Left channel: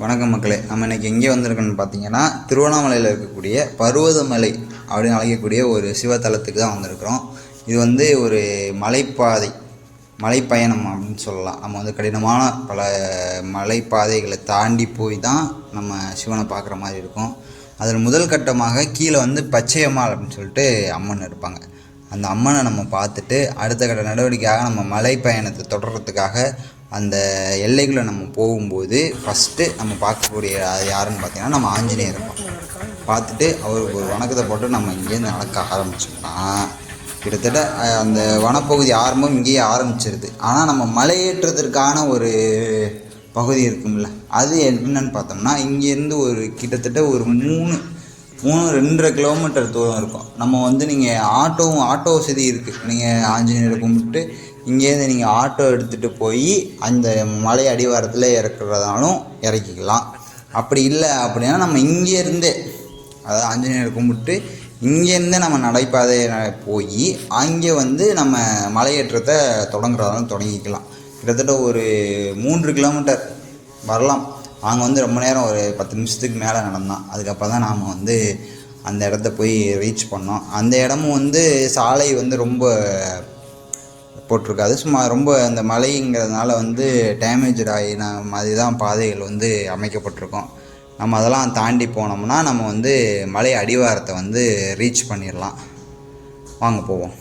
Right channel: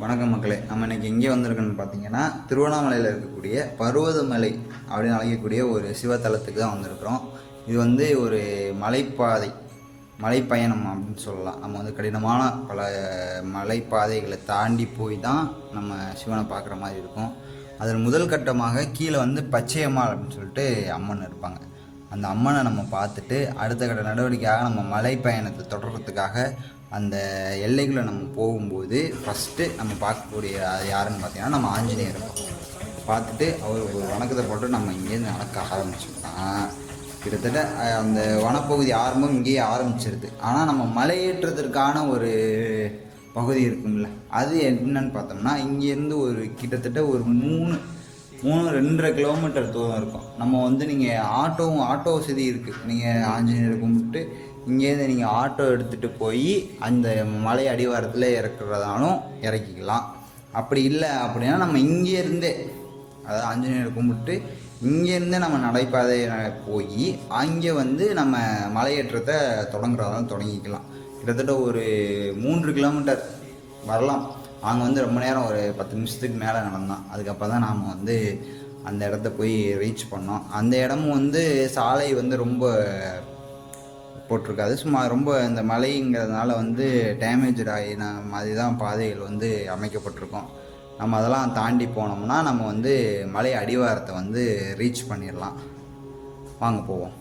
வணக்கம் மக்களே. நம்ம இன்றைக்கி எங்கே வந்திருக்கோன்னு பார்த்தீங்கன்னா, திருவண்ணாமலையில் இருக்கக்கூடிய பருவதமலை அப்படின்னு அழைக்கக்கூடிய ஒரு சிவத்தலத்துக்கு தான் வந்திருக்கிறோம். இது வந்து ஒரு மலைப்பாதை, மலைப்பயணம் அப்படின்னு சொல்லலாம். நம்ம வந்து கடினமான பல மலைப்பாதைகளை தாண்டி போய் தான் நம்ம சிவனை பார்க்குற மாதிரி இருக்கும். அதில் முதல் கட்டமாக கீழே வந்து பச்சையம்மாள் அப்படின்னு சொல்லிட்டு அம்மன் இருப்பாங்க. அந்த அம்மனை நம்ம பார்த்துட்டு அடுத்த கட்ட நடவடிக்கையாக நம்ம மலை பயணத்தை தொடர்றதுக்காக அந்த எல்லைக்குள்ளே நம்ம போகும்போது ஃபஸ்ட்டு நம்ம பார்க்கக்கூடிய அது யாருன்னு பார்த்தீங்கன்னா நம்ம ஆஞ்சநேயர் பார்த்துட்டு அவருக்கு ஒரு வணக்கத்தை போட்டு நம்ம இங்கேருந்து நடக்க ஆரம்பிச்சோம்னா கிட்டத்தட்ட அந்த வனப்பகுதி ஆரம்பம் இங்கேயே ஆரம்பிச்சிருது. ஆனால் நம்ம மலையேற்றத்திற்கான ஒரு பகுதி இருக்கும்ல, அது என்னன்னு பார்த்தோம்னா இங்கேருந்து ஒரு கிட்டத்தட்ட ஒரு 2.5 கிலோமீட்டர் தூரம் இருக்கும். நம்ம வந்து நீங்கள் ஆட்டோ வசதி இருக்குது. நீங்கள் ஆஞ்சநேயரை கும்பிட்டு இங்கேருந்து நீங்கள் ஆட்டோ எடுத்துகிட்டு போய் அந்த மலை அடிவாரத்தில் இறக்குறதாலும் இறக்கிக்கலாம். அப்படி இல்லை அப்படின்னா நம்ம இங்கேருந்தே, அதாவது ஆஞ்சநேயரை கும்பிட்டு இங்கேருந்து நம்ம நடைபாதை போய் அங்கே வந்து நம்ம மலையேற்றத்தை தொடங்குறதாலும் தொடங்கிக்கலாம். கிட்டத்தட்ட ஒரு 3 கிலோமீட்டர் வரலாம். நாங்கள் வந்து ரொம்ப நேரம் ஒரு 10 நிமிஷத்துக்கு மேலே நடந்தோம். அதுக்கப்புறம் தான் நாம் வந்து அந்த இடத்த போய் ரீச் பண்ணோம். அந்த இடமும் வந்து சாலை வந்து ரொம்ப போட்டிருக்காது, சும்மா ரொம்ப அந்த மலைங்கிறதுனால வந்து டேமேஜ் ஆகின மாதிரி தான் பாதைகள் வந்து அமைக்கப்பட்டிருக்கோம். நம்ம அதெல்லாம் தாண்டி போனோம்னா நம்ம வந்து மலை அடிவாரத்தை வந்து ரீச் பண்ணிடலாம். வாங்க போவோம்.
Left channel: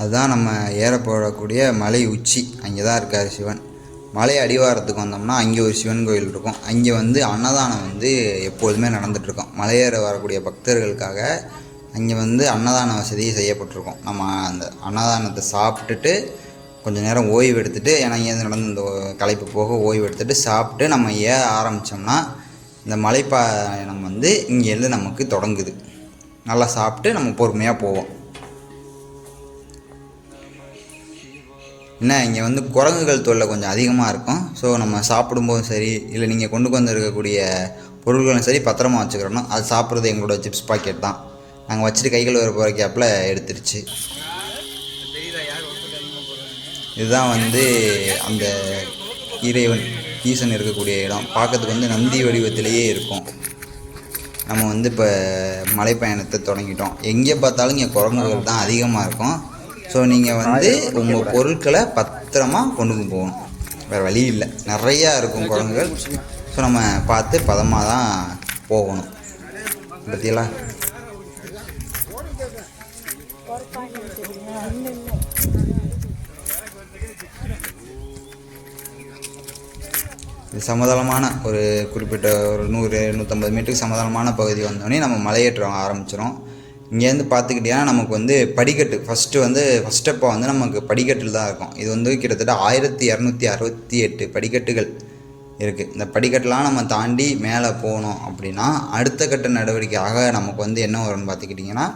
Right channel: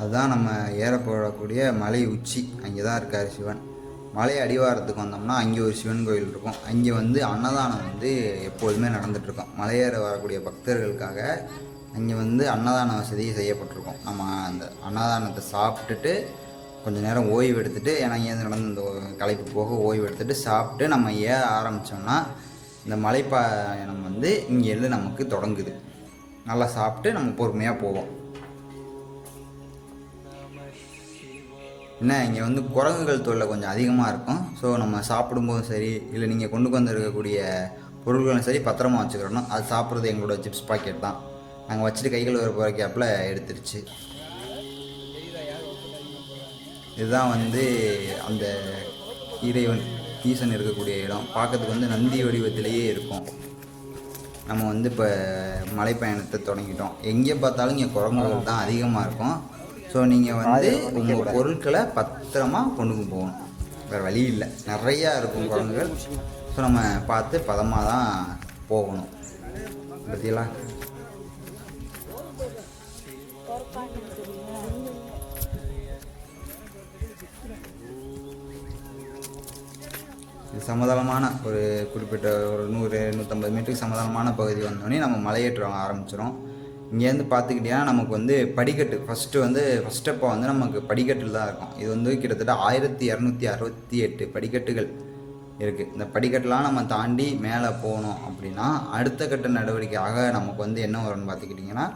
அதுதான் நம்ம ஏற போடக்கூடிய மலை உச்சி. அங்கே தான் இருக்கார் சிவன். மலை அடிவாரத்துக்கு வந்தோம்னா அங்கே ஒரு சிவன் கோயில் இருக்கும். அங்கே வந்து அன்னதானம் வந்து எப்போதுமே நடந்துகிட்ருக்கோம். மலையேற வரக்கூடிய பக்தர்களுக்காக அங்கே வந்து அன்னதான வசதி செய்யப்பட்டிருக்கும். நம்ம அந்த அன்னதானத்தை சாப்பிட்டுட்டு கொஞ்சம் நேரம் ஓய்வு எடுத்துகிட்டு, ஏன்னா இங்கேருந்து நடந்து இந்த களைப்பு போக ஓய்வு எடுத்துகிட்டு சாப்பிட்டு நம்ம ஏற ஆரம்பித்தோம்னா இந்த மலைப்பயணம் வந்து இங்கேருந்து நமக்கு தொடங்குது. நல்லா சாப்பிட்டு நம்ம பொறுமையாக போவோம். என்ன, இங்கே வந்து குரங்குகள் தொல்லை கொஞ்சம் அதிகமாக இருக்கும். ஸோ நம்ம சாப்பிடும்போதும் சரி, இல்லை நீங்கள் கொண்டு இருக்கக்கூடிய பொருள்களும் சரி பத்திரமா வச்சுக்கிறோம். அது சாப்பிட்றது எங்களோட சிப்ஸ் பாக்கெட் தான். நாங்கள் வச்சுட்டு கைகள் வர போகிற கேப்பில் எடுத்துருச்சு. இதுதான் வந்து அந்த இறைவன் ஈசன் இருக்கக்கூடிய இடம். பார்க்கறதுக்கு வந்து நந்தி வடிவத்திலேயே இருக்கும். நம்ம வந்து இப்போ மலைப்பயணத்தை தொடங்கிட்டோம். எங்கே பார்த்தாலும் இங்கே குரங்குகள் தான் அதிகமாக இருக்கும். ஸோ நீங்கள் வந்து உங்கள் பொருட்களை பத்திரமா கொண்டு போகணும். வேறு வழி இல்லை, நிறையா இருக்கும் குரங்குகள். ஸோ நம்ம பார்த்து பதமாக தான் போகணும். பற்றியலா இது சமதளமான ஒரு குறிப்பிட்ட ஒரு 100-150 மீட்டருக்கு சமதளமான பகுதி வந்தோடனே நம்ம மலையேற்றம் ஆரம்பிச்சிடும். இங்கேருந்து பார்த்துக்கிட்டிங்கன்னா நமக்கு வந்து படிக்கட்டு ஃபஸ்ட் ஸ்டெப்பாக வந்து நமக்கு படிக்கட்டில் தான் இருக்கும். இது வந்து கிட்டத்தட்ட 1268 படிக்கட்டுகள் இருக்குது. இந்த படிக்கட்டெலாம் நம்ம தாண்டி மேலே போகணும் அப்படின்னா அடுத்த கட்ட நடவடிக்கையாக நமக்கு வந்து என்ன வரும்னு பார்த்துக்கிட்டிங்கன்னா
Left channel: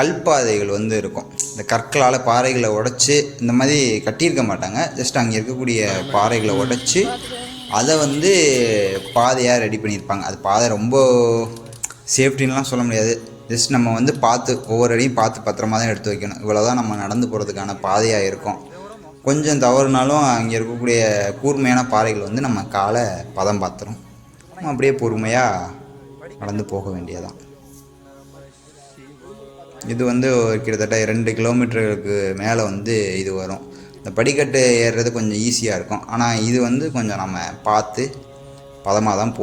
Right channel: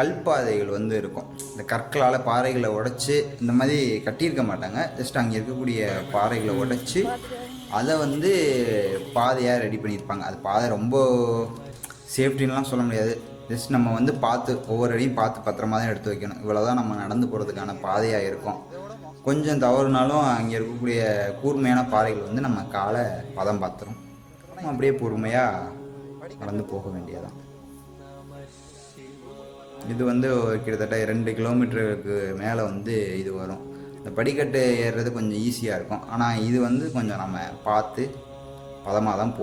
கல்பாதைகள் வந்து இருக்கும். இந்த கற்களால் பாறைகளை உடைச்சி இந்த மாதிரி கட்டியிருக்க மாட்டாங்க. ஜஸ்ட் அங்கே இருக்கக்கூடிய பாறைகளை உடைச்சி அதை வந்து பாதையாக ரெடி பண்ணியிருப்பாங்க. அது பாதை ரொம்ப சேஃப்டின்லாம் சொல்ல முடியாது. ஜஸ்ட் நம்ம வந்து பார்த்து ஒவ்வொரு அடியும் பார்த்து பத்திரமா தான் எடுத்து வைக்கணும். இவ்வளோ தான் நம்ம நடந்து போகிறதுக்கான பாதையாக இருக்கும். கொஞ்சம் தவறுனாலும் அங்கே இருக்கக்கூடிய கூர்மையான பாறைகள் வந்து நம்ம காலை பதம் பார்த்துரும். நம்ம அப்படியே பொறுமையாக நடந்து போக வேண்டியதான். இது வந்து கிட்டத்தட்ட 2 கிலோமீட்டருக்கு மேலே வந்து இது வரும். இந்த படிக்கட்டு ஏறுறது கொஞ்சம் ஈஸியாக இருக்கும். ஆனால் இது வந்து கொஞ்சம் நம்ம பார்த்து பதமாக தான்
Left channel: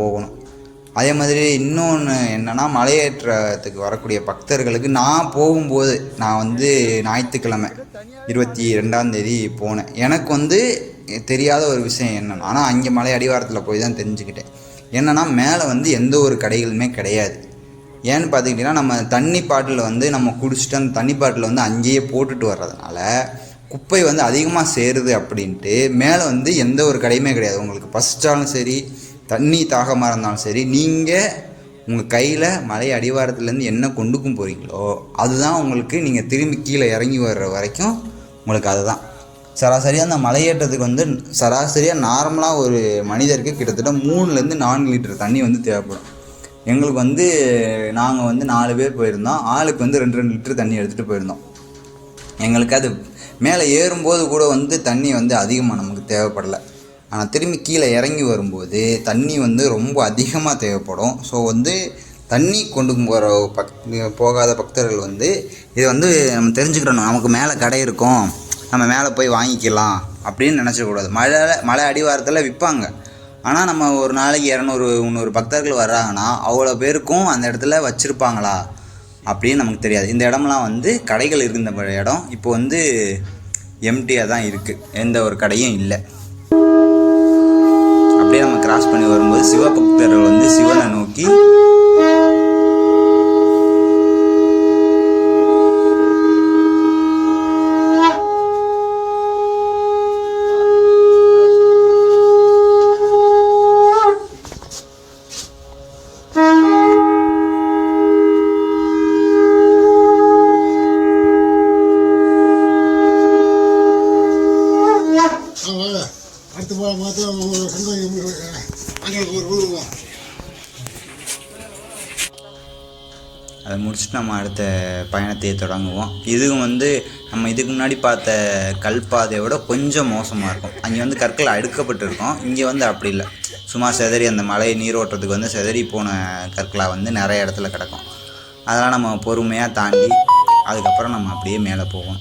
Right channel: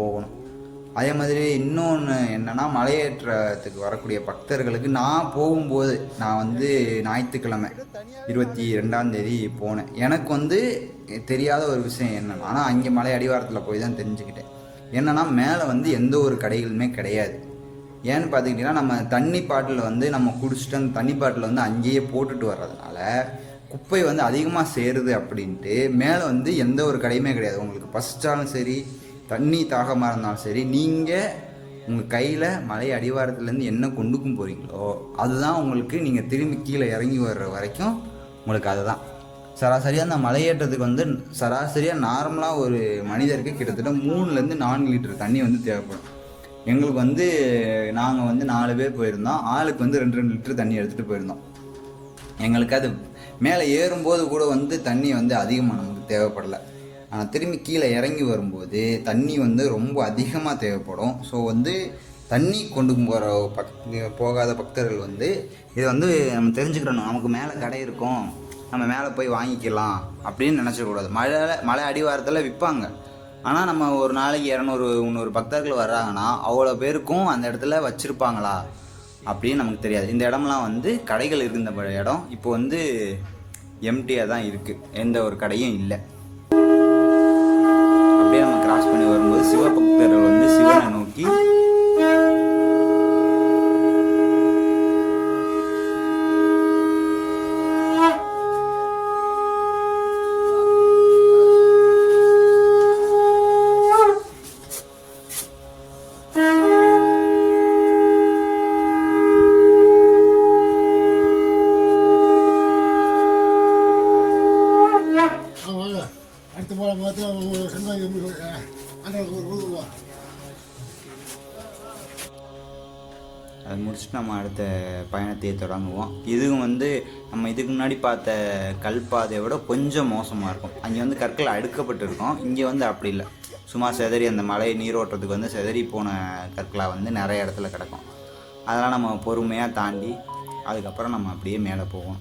போகணும். அதே மாதிரி இன்னொன்று என்னென்னா, மலையேற்றத்துக்கு வரக்கூடிய பக்தர்களுக்கு நான் போகும்போது நான் வந்து ஞாயிற்றுக்கிழமை 22ஆம் தேதி போனேன். எனக்கு வந்து தெரியாத ஒரு விஷயம் என்னென்னா, ஆனால் அங்கே மலை அடிவாரத்தில் போய் தான் தெரிஞ்சுக்கிட்டேன். என்னென்னா மேலே வந்து எந்த ஒரு கடைகளுமே கிடையாது. ஏன்னு பார்த்துக்கிட்டிங்கன்னா நம்ம தண்ணி பாட்டில் வந்து நம்ம குடிச்சிட்டு அந்த தண்ணி பாட்டில் வந்து அங்கேயே போட்டுட்டு வர்றதுனால குப்பை வந்து அதிகமாக சேருது அப்படின்ட்டு மேலே வந்து எந்த ஒரு கடையுமே கிடையாது. உங்களுக்கு பசிச்சாலும் சரி, தண்ணி தாகமாக இருந்தாலும் சரி, நீங்கள் உங்கள் கையில் மலை அடிவாரத்துலேருந்து என்ன கொண்டுக்கும் போகிறீங்களோ அதுதான் உங்களுக்கு நீங்கள் திரும்பி கீழே இறங்கி வர்ற வரைக்கும் உங்களுக்கு அதுதான் சராசரியாக அந்த மலையேற்றத்துக்கு வந்து சராசரியாக நார்மலாக ஒரு மனிதருக்கு கிட்டத்தட்ட 3லேருந்து 4 லிட்டர் தண்ணி வந்து தேவைப்படும். எங்களுக்கு வந்து நாங்கள் வந்து 4 பேர் போயிருந்தோம். ஆளுக்கு வந்து 2 லிட்டர் தண்ணி எடுத்துகிட்டு போயிருந்தோம். எங்களுக்கு அது மேலே ஏறும்போது கூட வந்து தண்ணி வந்து அதிகமாக நமக்கு தேவைப்படலை. ஆனால் திரும்பி கீழே இறங்கி வரும்போது தண்ணி வந்து ரொம்ப அதிகமாக தேவைப்படும். ஸோ வந்து தண்ணி கொண்டு போகாத பக்தர்கள் வந்து இதை வந்து நம்ம தெரிஞ்சுக்கிறணும். நமக்கு மேலே கடை இருக்கும், நம்ம மேலே போய் வாங்கிக்கலாம் அப்படின்னு நினச்சிடக்கூடாது. மலை அடிவாரத்தில் விற்பாங்க. ஆனால் நம்ம ஒரு நாளைக்கு 200-300 பக்தர்கள் வர்றாங்கன்னா அவ்வளோ பேருக்கும் அந்த இடத்துல வச்சுருப்பாங்களா அப்படின்னு நமக்கு தெரியாது. இந்த இடம்லாம் வந்து கடைகள் இருந்த இடம் இப்போ வந்து எம்டியாக தான் இருக்குது, எந்த ஒரு கடையும் இல்லை. அப்படியே நம்ம கிராஸ் பண்ணி வரும்போது சிவபக்தர்கள் வந்து சிவனை நோக்கி அதை முடிச்சுட்டு நம்ம அடுத்த பயணத்தை தொடங்குவோம். இதுவும் வந்து நம்ம இதுக்கு முன்னாடி பார்த்த கல்பாதையை விட கொஞ்சம் மோசமாக இருக்கும். அங்கே வந்து கற்கள் அடுக்கப்பட்டிருக்கும், இங்கே வந்து அப்படி இல்லை. சும்மா செதறி அந்த மலை நீரோட்டத்துக்கு வந்து செதறி போன கற்களாக வந்து நிறைய இடத்துல கிடக்கும். அதெல்லாம் நம்ம பொறுமையாக தாண்டி அதுக்கப்புறம் நம்ம அப்படியே மேலே போவோம்.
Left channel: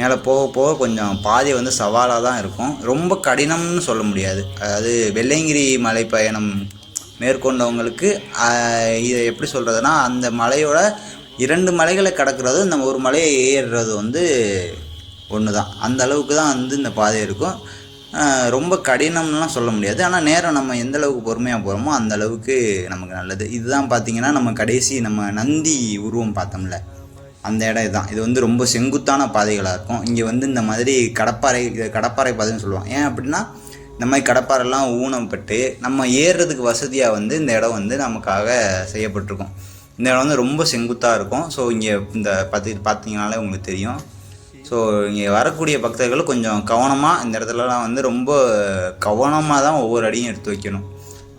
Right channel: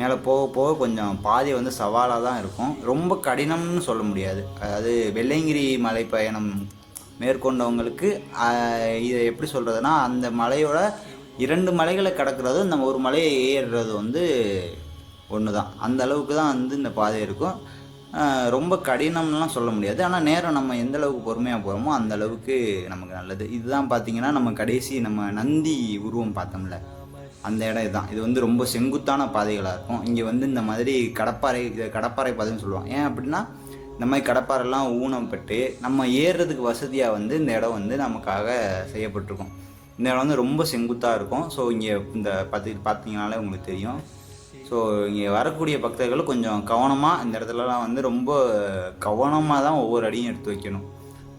மேலே போக போக கொஞ்சம் பாதை வந்து சவாலாக தான் இருக்கும், ரொம்ப கடினம்னு சொல்ல முடியாது. அதாவது வெள்ளையங்கிரி மலை பயணம் மேற்கொண்டவங்களுக்கு இதை எப்படி சொல்கிறதுனா, அந்த மலையோட 2 மலைகளை கடக்கிறதும் இந்த ஒரு மலையை ஏறுறது வந்து ஒன்று தான். அந்த அளவுக்கு தான் வந்து இந்த பாதை இருக்கும். ரொம்ப கடினம்லாம் சொல்ல முடியாது. ஆனால் நேரம் நம்ம எந்த அளவுக்கு பொறுமையாக போகிறோமோ அந்த அளவுக்கு நமக்கு நல்லது. இதுதான் பார்த்திங்கன்னா நம்ம கடைசி நம்ம நந்தி உருவம் பார்த்தோம்ல, அந்த இடம் இதுதான். இது வந்து ரொம்ப செங்குத்தான பாதைகளாக இருக்கும். இங்கே வந்து இந்த மாதிரி கடப்பாறை பாதைன்னு சொல்லுவாங்க. ஏன் அப்படின்னா இந்த மாதிரி கடப்பாரெல்லாம் ஊனப்பட்டு நம்ம ஏறுறதுக்கு வசதியாக வந்து இந்த இடம் வந்து நமக்காக செய்யப்பட்டிருக்கும். இந்த இடம் வந்து ரொம்ப செங்குத்தாக இருக்கும். ஸோ இங்கே இந்த பார்த்தீங்கனாலே உங்களுக்கு தெரியும். ஸோ இங்கே வரக்கூடிய பக்தர்கள் கொஞ்சம் கவனமாக இந்த இடத்துலலாம் வந்து ரொம்ப கவனமாக தான் ஒவ்வொரு அடியும் எடுத்து வைக்கணும்.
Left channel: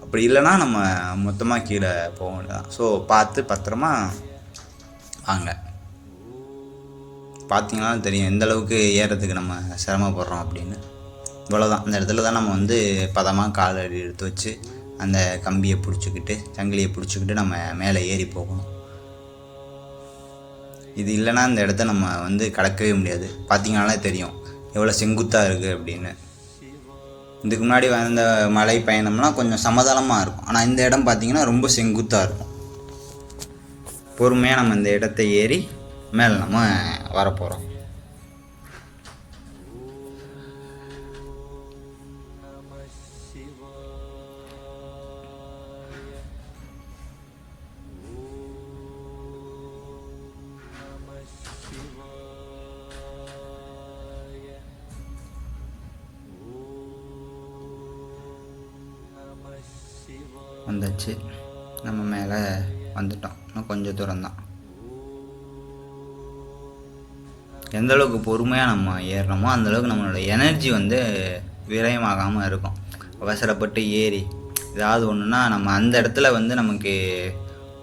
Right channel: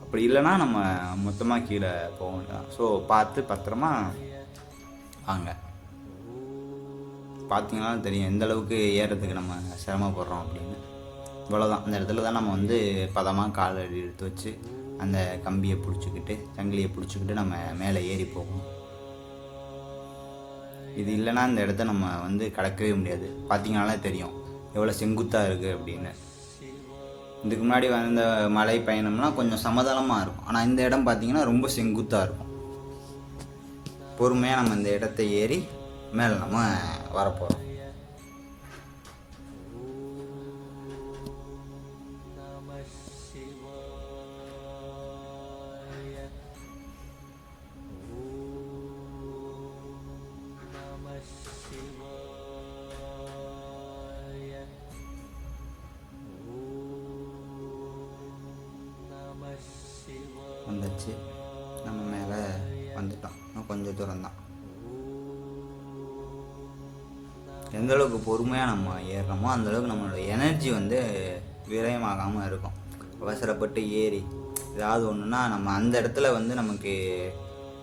அப்படி இல்லைன்னா நம்ம மொத்தமாக கீழே போக வேண்டியதான். ஸோ பார்த்து பத்திரமா வாங்க. பார்த்தீங்கன்னா தெரியும் எந்த அளவுக்கு ஏறுறதுக்கு நம்ம சிரமப்படுறோம் அப்படின்னு. இவ்வளோதான், இந்த இடத்துல தான் நம்ம வந்து பதமாக கால் அடி எடுத்து வச்சு அந்த கம்பியை பிடிச்சிக்கிட்டு சங்கிலியை பிடிச்சிக்கிட்டு நம்ம மேலே ஏறி போகணும். இது இல்லைன்னா இந்த இடத்த நம்ம வந்து கடக்கவே முடியாது. பார்த்தீங்கன்னாலே தெரியும் எவ்வளோ செங்குத்தாக இருக்குது அப்படின்னு. இதுக்கு முன்னாடி வந்த மலை பயணம்லாம் கொஞ்சம் சமதளமாக இருக்கும், ஆனால் இந்த இடம் பார்த்திங்கன்னா ரொம்ப செங்குத்தாக இருக்கும். பொறுமையாக நம்ம இந்த இடத்த ஏறி மேலே நம்ம வரப்போகிறோம். வந்துச்சு, நம்ம மேலே வந்துட்டோம். இன்னும் கொஞ்சம் தூரம்தான். எந்த அளவுக்கு பொறுமையாக நம்ம ஏறுறோமோ அந்தளவுக்கு நம்மளோட எனர்ஜி வந்து விரயமாகாமல் இருக்கும். அவசரப்பட்டு ஏறி ஏதாவது ஒன்றுனா நம்ம அந்த இடத்துல வந்து நமக்கு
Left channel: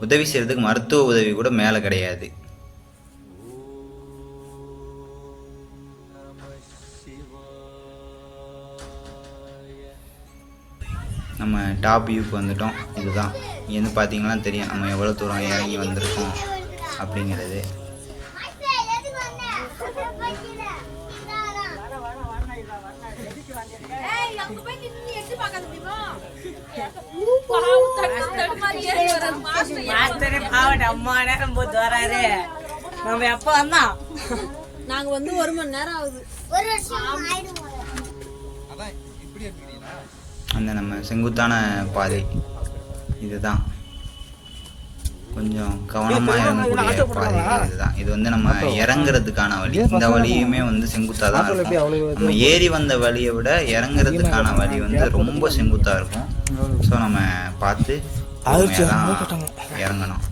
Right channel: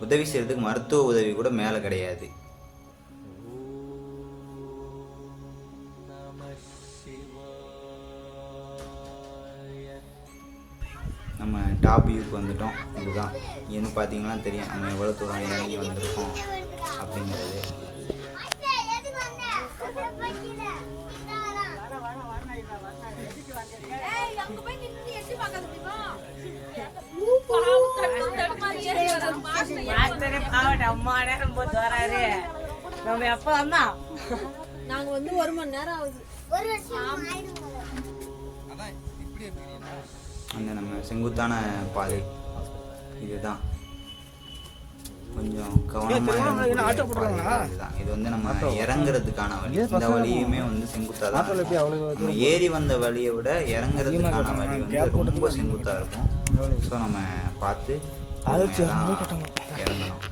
உதவி செய்கிறதுக்கு மருத்துவ உதவி கூட மேலே கிடையாது. நம்ம டாப் வியூக்கு வந்துட்டோம். இதுதான், இங்கேருந்து பார்த்தீங்கன்னா தெரியும் நம்ம எவ்வளோ தூரம் இறங்கி வந்திருக்கோம் அப்படிங்கிறது. நம்ம எப்போ வந்தோம்? நாங்கள் வந்து 1 மணி நேரம் ஆகுது. அந்த நம்ம செங்குத்தான பாதை இதுதான். கொஞ்சம் கவனமாக இறங்கக்கூடிய பாதை இதுதான். இது வந்து நம்ம இறங்குறதுக்கான வழி. இந்த வழியுமே வந்து செங்குத்தாக தான் இருக்கும். நம்ம ஏறி வந்த வழியை விட இறங்குறதுக்கான வழி வந்து ரொம்ப செங்குத்தாக இருக்கும். ஸோ நம்ம பார்த்து தான் இறங்கணும்.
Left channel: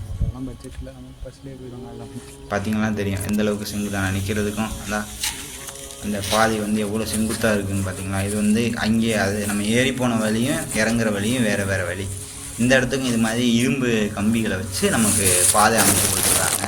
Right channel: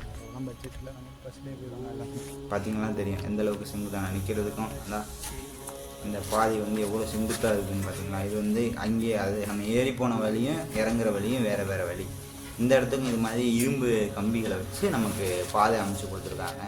பார்த்திங்கன்னா தெரியும் எந்த அளவுக்கு செங்குத்தாக நிற்கிறதுக்கும் அதான் அந்த பாதை வந்து எவ்வளோ செங்குத்தாக இருக்குதுன்னு பார்த்தீங்களா. இது வந்து அங்கேயே அது நம்ம ஏறி போன வழியும் இறங்குற வழியும் வேறு வேறு வழி. இந்த இடத்துக்கும் இது மாதிரி இரும்பு கம்பிகளை வச்சு நமக்கு பாதை அமைச்சு கொடுத்துருக்காங்க.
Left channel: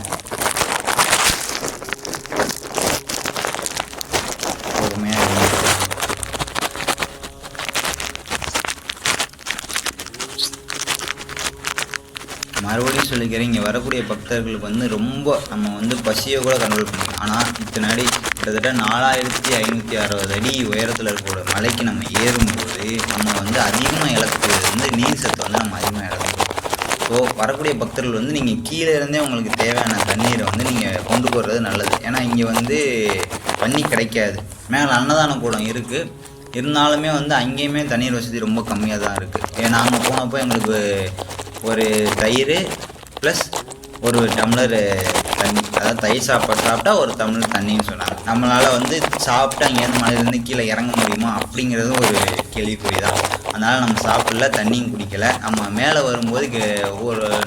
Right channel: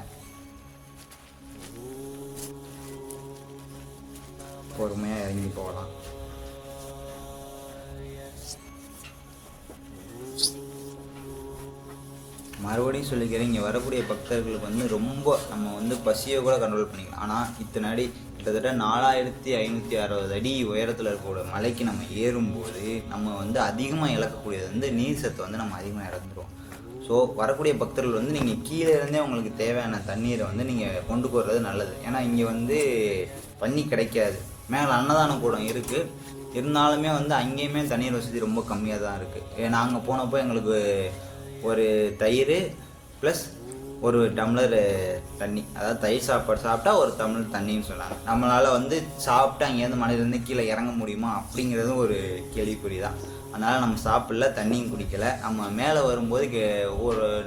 மறுபடியும் சொல்லிக்கிறேன், இங்கே வரக்கூடிய பக்தர்களுக்கு வந்து ரொம்ப நம்ம வந்து பசியை கூட கண்ட்ரோல் பண்ணிக்கலாம். ஆனால் இத்தனாடி கிட்டத்தட்ட 4560 அடி உயரத்தில் இருக்கிற மலைக்கு நம்ம ஏறும்போது நம்ம வந்து அதிகமாக இழக்கக்கூடியது வந்து நீர் சத்து வந்து நம்ம அதிகமாக இழக்கணும். ஸோ வரக்கூடிய பக்தர்கள் வந்து நீங்கள் கீழே இருந்தே உங்களுக்கு தேவையான தண்ணீரை வந்து நீங்கள் கொண்டு போகிறது நல்லது. ஏன்னா இங்கே வந்து தண்ணி கிடைக்காது. மேலே அன்னதான கூடம் இருக்குது, இருந்தாலுமே வந்து அங்கேயுமே தண்ணீர் வசதி ரொம்ப கம்மியாக தான் இருக்குது. நாங்கள் போனப்போ எங்களுக்கு ஒரு தயிர் ப்ளஸ் ஒரு டம்ளர் தண்ணி, அதாவது தயிர் சாப்பிட்டா ஒரு டம்ளர் தண்ணின்னு சொன்னாங்க. நம்மளால் வந்து சாப்பிட்டு அங்கேருந்து மலையிலேருந்து கீழே இறங்க முடியுமா அப்படிங்கிறது ஒரு கேள்விக்குறி தான். அதனால் நம்ம சாப்பிடல, தண்ணியும் குடிக்கலை. நம்ம மேலே வரும்போது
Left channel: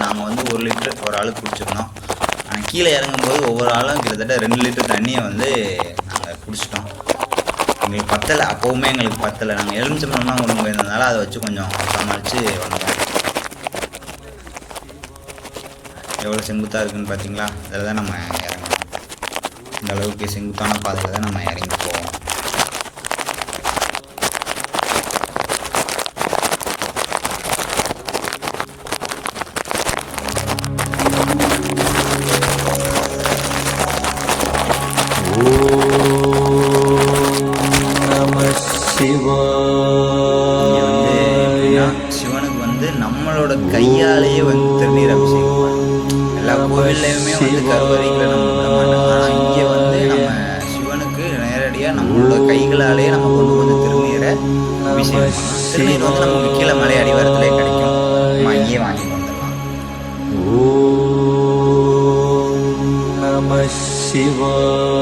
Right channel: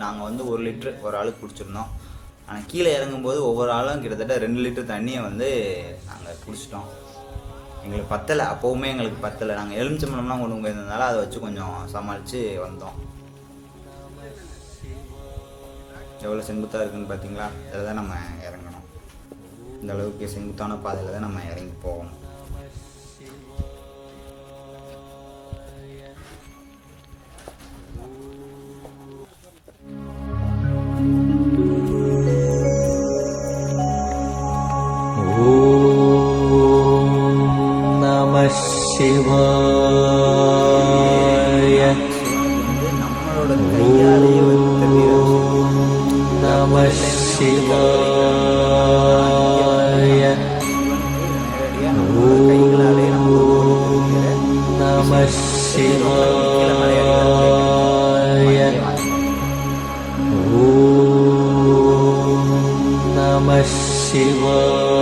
நாங்கள் வந்து 1 லிட்டர் ஒரு ஆளுக்கு குடிச்சிருந்தோம். கீழே இறங்கும்போது ஒவ்வொரு ஆளும் கிட்டத்தட்ட 2 லிட்டர் தண்ணியை வந்து நாங்கள் குடிச்சிட்டோம். எங்களுக்கு பத்தலை, அப்போவுமே எங்களுக்கு பத்தலை. நாங்கள் எலுமிச்சம்பழம்லாம் கொண்டு போயிருந்ததுனால அதை வச்சு கொஞ்சம் சமாளித்து வந்தோம். எவ்வளோ செங்குத்தாக இருக்குதுன்னு பார்த்தீங்களா. அதில் தான் நம்ம இறங்கணும். இந்த அளவுக்கு செங்குத்தான பாதையில் தான் நம்ம இறங்கி போவோம். சிவனுக்கு வந்து நம்மளோட கையாலேயே வந்து தண்ணீரம் செய்வோம். சிவனுக்கு நேரடியாக நம்மளோட கைகளாலே நம்ம திருநீரை கீழே மலையாடி வரலே கிடைக்கும். வாங்கி நம சிவாய.